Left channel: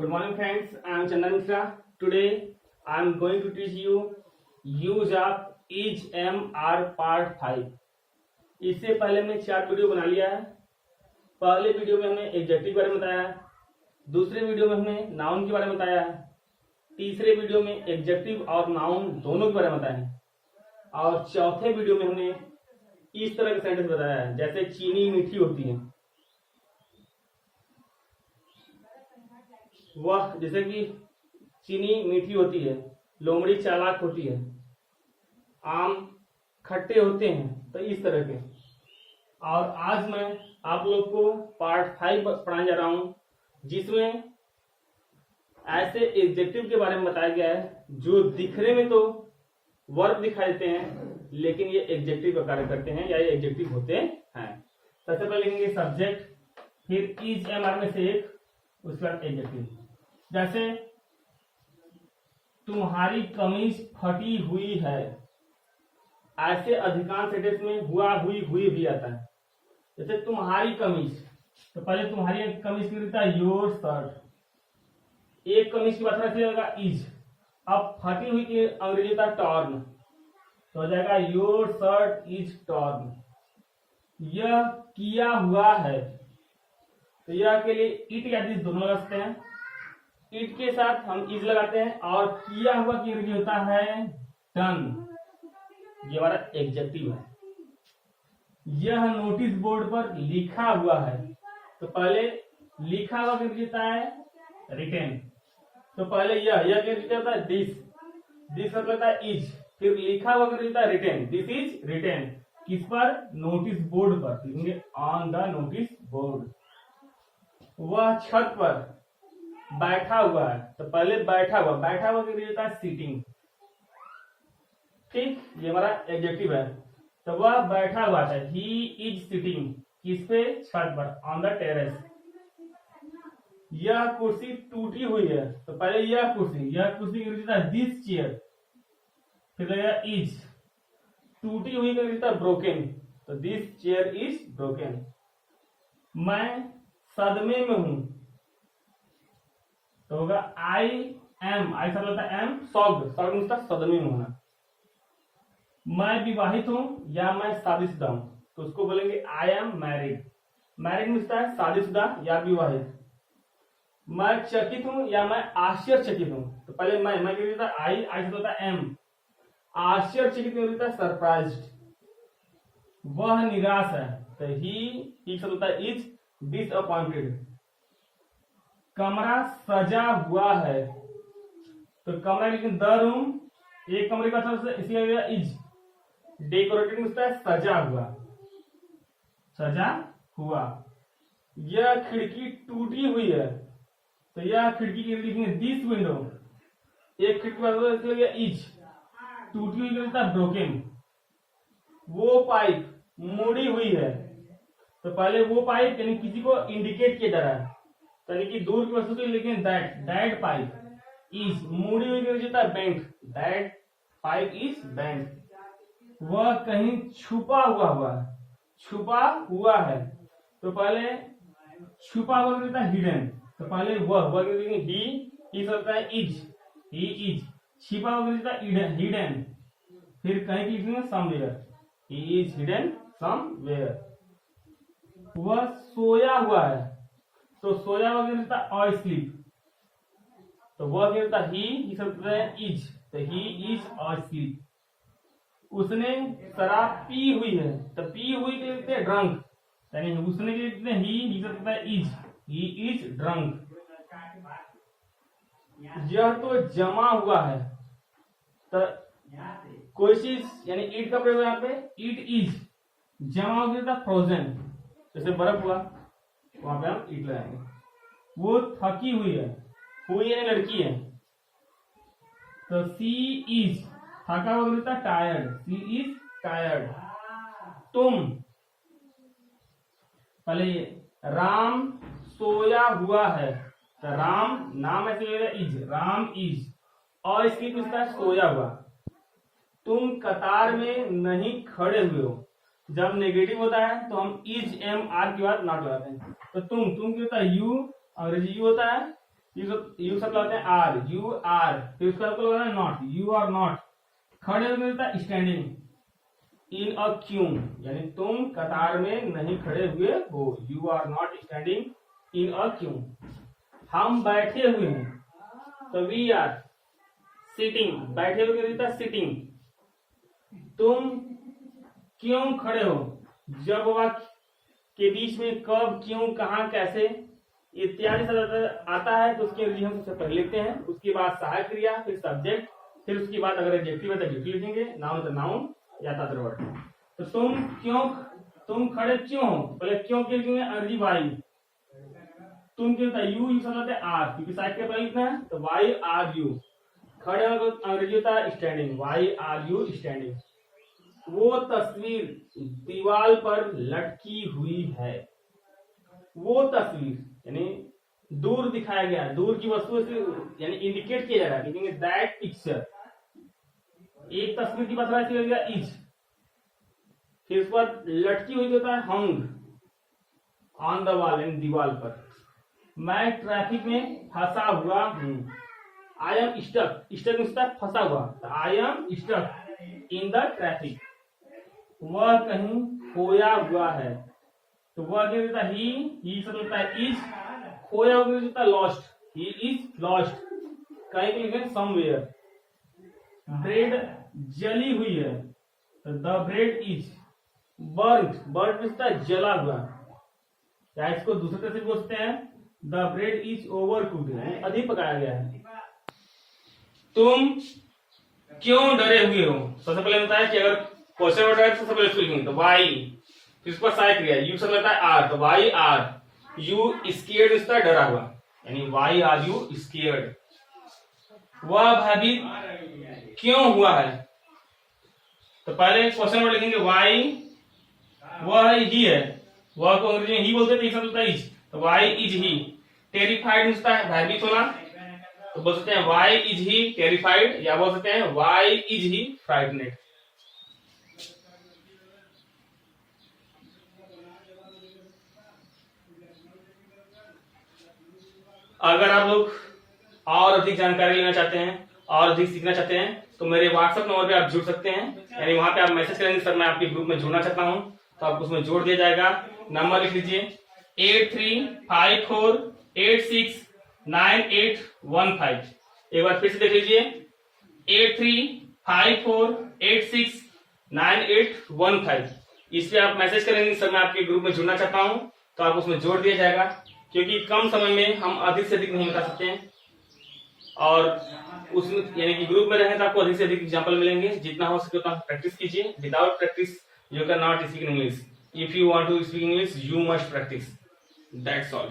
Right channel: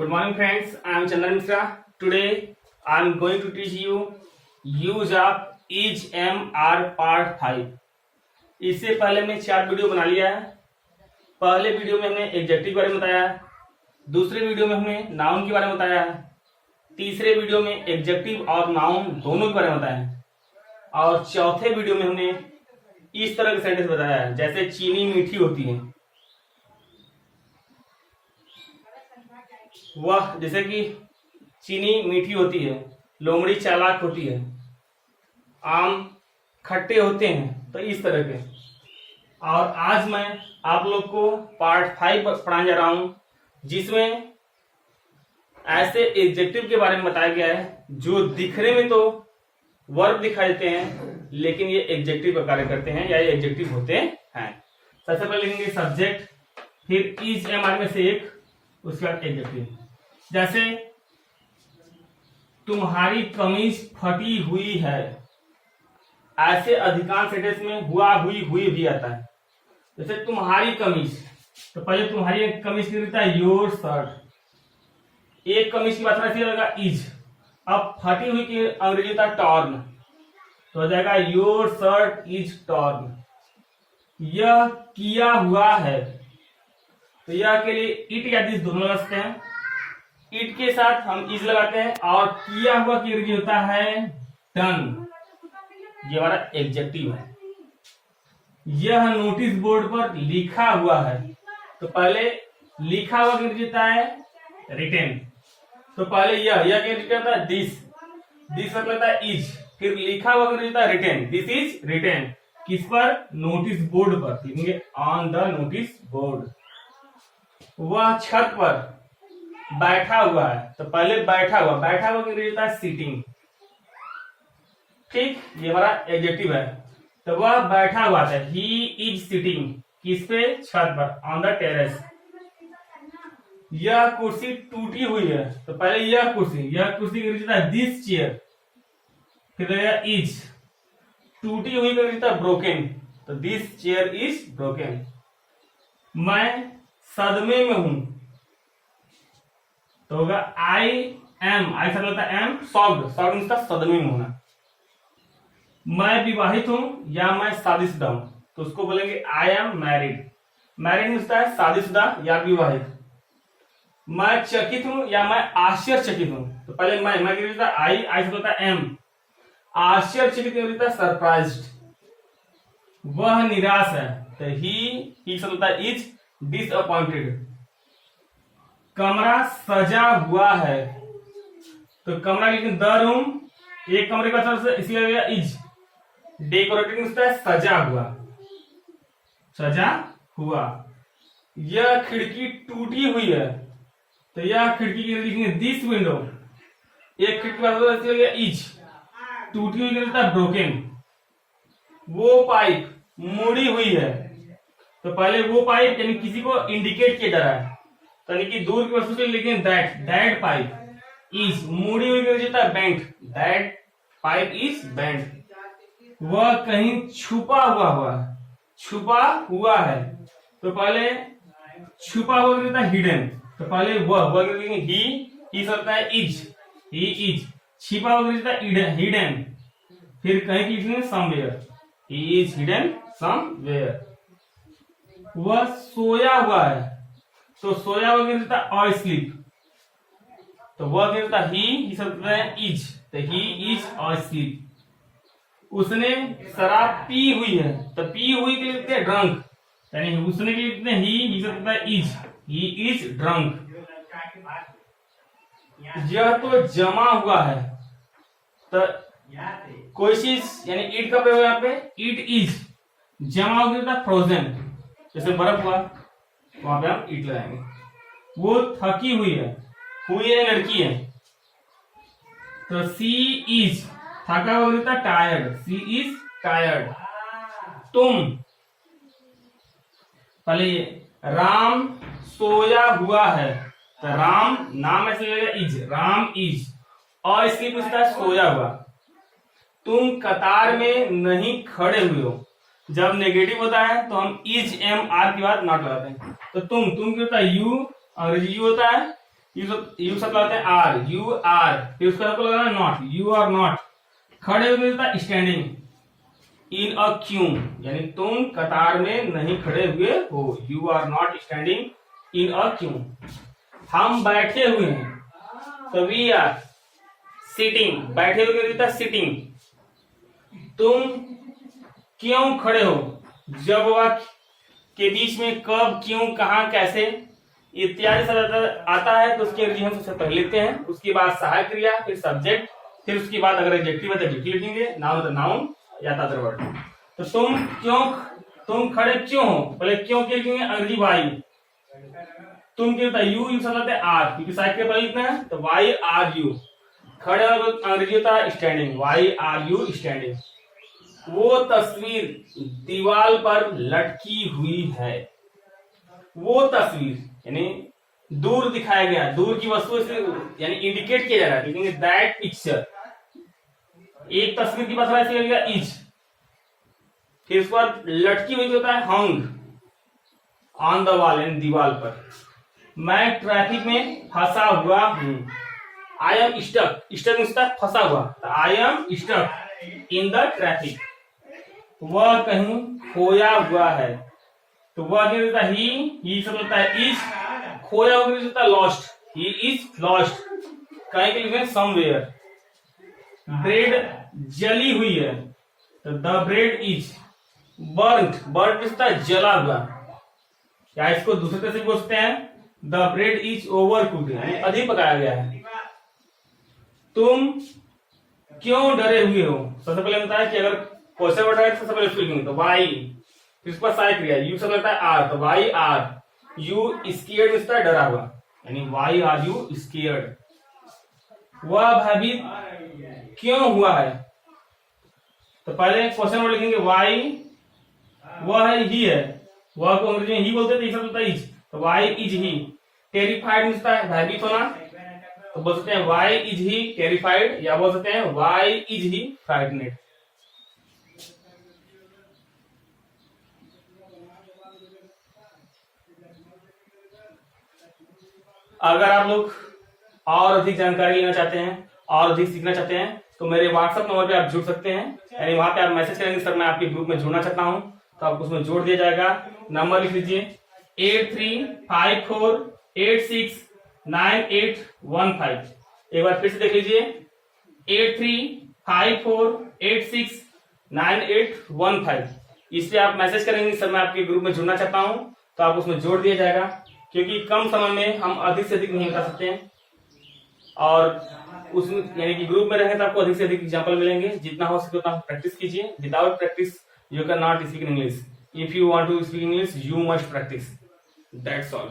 Good morning friends, I am Chandan Mishra. Today I am going to teach you use of is am are part 5. इससे पहले हमने 4 video बना लिया है। पहले वीडियो में हमने एडजेक्टिव के बारे में बताया, दूसरे वीडियो में हमने नाउन के बारे में बताया, तीसरे वीडियो में एडजेक्टिव और नाउन दोनों के बारे में बताया और चौथे वीडियो में हमने इस तरह का सेंटेंस बताया है जैसे चीनी मीठी होती है। वह जैसे कि चीनी मीठी होती है, लोमड़ी चालाक होती है, आम खट्टे होते हैं, तो इस तरह के। और आज मैं आप लोग को पार्ट 5 पढ़ाने जा रहा हूं जिसमें ऐसे एडजेक्टिव के बारे में बताया गया है जो दिखने में तो वर्ब दिखाई देते हैं लेकिन ये एडजेक्टिव का कार्य करते हैं या ये एडजेक्टिव होते हैं। सबसे पहले लिखेंगे सब्जेक्ट, फिर इज एम आर में से एक, उसके बाद एडजेक्टिव। जैसे तुम्हारी कमीज फटी हुई है, ऐसे अधिकांश सेंटेंस में हुआ हुई हुई भी आता है। जैसे तुम्हारी कमीज, तो पहले तुम्हारी कमीज की रहता है योर शर्ट, एक कमीज की बात रहेगा इज। अब फटी हुई की अंग्रेजी होता है टॉर्न, तो हो जाएगा योर शर्ट इज टॉर्न। यह किया हुआ है, तो यह के लिए इट या दिस दोनों लगाते हैं। इट के साथ हम इज लगाते हैं और किया हुआ की अंग्रेजी होता है डन, ये हमारा एडजेक्टिव है। यह नोटिस बोर्ड पर लिखा हुआ है, तो पहले लिखा हुआ की अंग्रेजी होता है रिटेन, तो पहले यह के अंग्रेजी होता है दिस मतलब है इज, फिर लिखा हुआ अंग्रेजी होता है रिटेन, दिस इज रिटेन। किस पर? नोटिस बोर्ड पर, लिखेंगे ऑन द नोटिस बोर्ड। वह छत पर बैठा हुआ है, तो पहले बैठा हुआ की अंग्रेजी होता है सीटिंग। ठीक, ये हमारा एडजेक्टिव है। तो वह बैठा हुआ था, ही इज सिटिंग, किस पे? छत पर, ऑन द टेरेस। यह कुर्सी टूटी हुई है, तो पहले यह कुर्सी की अंग्रेजी होता है दिस चेयर, फिर लगेगा इज। टूटी हुई का अंग्रेजी होता है ब्रोकन, तो दिस चेयर इज ब्रोकन। मैं सदमे में हूं, तो होगा आई एम, आई से मतलब एम सॉफ्ट इसका सदमे में होना। मैं विवाहित हूं या मैं शादीशुदा हूं, तो उसको बोलेंगे आई एम मैरिड। मैरिड मिलता है शादीशुदा या विवाहित। मैं चकित हूं या मैं आश्चर्यचकित हूं, तो पहले मैं की होता है आई से होता है एम, आश्चर्यचकित होता है सरप्राइज्ड। वह निराश है, तो ही से होता है इज डिसअपॉइंटेड। कमरा सजा हुआ है, तो कमरा लेकिन द रूम, एक कमरे का तरफ से इसलिए इज। डेकोरेटेड होता है सजा हुआ। यह खिड़की टूटी हुई है, तो यह खिड़की के लिखेंगे दिस विंडो, एक खिड़की का इसलिए इज। टूटी हुई होता है ब्रोकन। वो पाइप मुड़ी हुई है, तो पहले वो पाइप यानी किसी को इंडिकेट किया जा रहा है, यानी कि दूर की वस्तु से, लेकिन दैट पाइप इज। मुड़ी हुई होता है bent, that pipe is bent. वह कहीं छुपा हुआ है, तो पहले छुपा हुआ होता है हिडन, तो पहले वह ही होता है इज, ही इज। छिपा हुआ होता है हिडन, फिर कहीं की लिखेंगे somewhere, he is hidden somewhere. वह सोया हुआ है, तो सोया हुआ होता है स्लीप, तो वह होता है ही होता है इज, तो ही इज स्लीप। उसने शराब पी हुई है, तो पी हुई के लिए ड्रंक, यानी उसने के लिए ही होता है इज, ही इज ड्रंक। यह तो जमा हुआ है, तो कोई चीज यानी इट का प्रयोग यहाँ पे इट इज, जमा होता है फ्रोजन, जैसे बर्फ हुआ वहां पे हम इट लगाएंगे। वो थकी हुई है लड़की है, तो सी इज, थका हुआ होता है टायर्ड, सी इज टायर्ड। तुम, पहले राम सोया हुआ है, तो राम नाम ऐसे लगेगा इज, राम इज, और इसलिए पूछता है सोया हुआ। तुम कतार में नहीं खड़े हुए हो, जब नेगेटिव होता है तो हम इज एम आर के बाद नॉट लगाते हैं, तो तुम की होता है यू, अंग्रेजी यू होता है, यू सब लगाते हैं आर, यू आर, फिर उसका आपको लगाना नॉट, यू आर नॉट। खड़े हुए में होता है स्टैंडिंग इन अ क्यू, यानी तुम कतार में नहीं खड़े हुए हो, you are not standing in a queue. हम बैठे हुए हैं तो वी आर सिटिंग, बैठे हुए होता है सिटिंग। तुम क्यों खड़े हो, जब वाक्य के बीच में कब, क्यों, कहां, कैसे इत्यादि सब आता है तो उसके अंग्रेजी हम सबसे पहले लिखते हैं, उसके बाद सहायक क्रिया, फिर सब्जेक्ट, फिर उसके बाद अगर एडजेक्टिव है तो एडजेक्टिव लिखेंगे, नाउन तो नाउन या अदर वर्ड। तो तुम खड़े क्यों हो, पहले क्यों के लिखेंगे अंग्रेजी वाई। तुम क्या होता है यू, यूज होता है आर, क्योंकि सहायक क्रिया पहले लिखना है, तो वाई आर यू। खड़े अंग्रेजी होता है standing, why are you standing. वो तस्वीर दीवार पर लटकी हुई है, वो तस्वीर यानी दूर दिखाया गया, दूर की वस्तु से यानी इंडिकेट किया जा रहा है, लिखेंगे दैट पिक्चर। एक तस्वीर की बात हो रहा है इज, फिर उसके बाद लटकी हुई होता है हंग ऑन द वॉल, यानी दीवार पर। मैं ट्रैफिक में फंसा हुआ हूं, आई एम स्टक, स्टक फंसा हुआ, I am stuck in the traffic. वह कहीं खोया हुआ है, तो वह क्या होता है ही सब होता है इज, खोया हुआ होता है लॉस्ट, ही इज लॉस्ट। कहीं के लिए समवेयर। ब्रेड जली हुई है, तो the bread is burnt, burnt होता है जला हुआ, या इसको दूसरे तरह से बोलते हैं the bread is over cooked, यानी अधिक पकाया गया है। तुम क्यों डरे हुए हो, सबसे पहले होता है कि अगर क्वेश्चन वर्ड है तो सबसे पहले लिखेंगे तो वाई, फिर उसके बाद सहायक क्रिया यू सब लगता है आर, तो वाई आर यू स्केयर्ड, उसका डरा हुआ, यानी वाई आर यू स्केयर्ड। वह भयभीत क्यों हुआ है, तो पहले क्वेश्चन वर्ड लिखेंगे वाई, वह है ही है, वह को अंग्रेजी में ही बोलते थे, सब होता है इज, तो वाई इज ही। टेरिफाइड होता है भयभीत होना, तो बोल सकते हैं वाई इज ही टेरिफाइड, या बोल सकते हैं वाई इज ही फ्राइटनेड। अगर आप लोग और अधिक जानकारी लेना चाहते हैं और अधिक सीखना चाहते हैं तो मेरे व्हाट्सएप नंबर पे आप जुड़ सकते हैं, यानी वहां पे आप मैसेज करेंगे सर मैं आपके ग्रुप में जुड़ना चाहता हूं, तो आपको उसमें जोड़ दिया जाएगा। नंबर लिख लीजिए 8354869815। एक बार फिर से देख लीजिए 8354869815। इस पे आप मैसेज करेंगे सर मैं आपके ग्रुप में जुड़ना चाहता हूं, तो आप उसमें जोड़ दिया जाएगा, क्योंकि कम समय में हम अधिक से अधिक नहीं बता सकते हैं, और उसमें यानी कि ग्रुप में रहें तो आपको अधिक से अधिक एग्जांपल मिलेंगे। जितना हो सके उतना प्रैक्टिस कीजिए, without practice you can not speak English, if you want to speak English you must practice, that's all.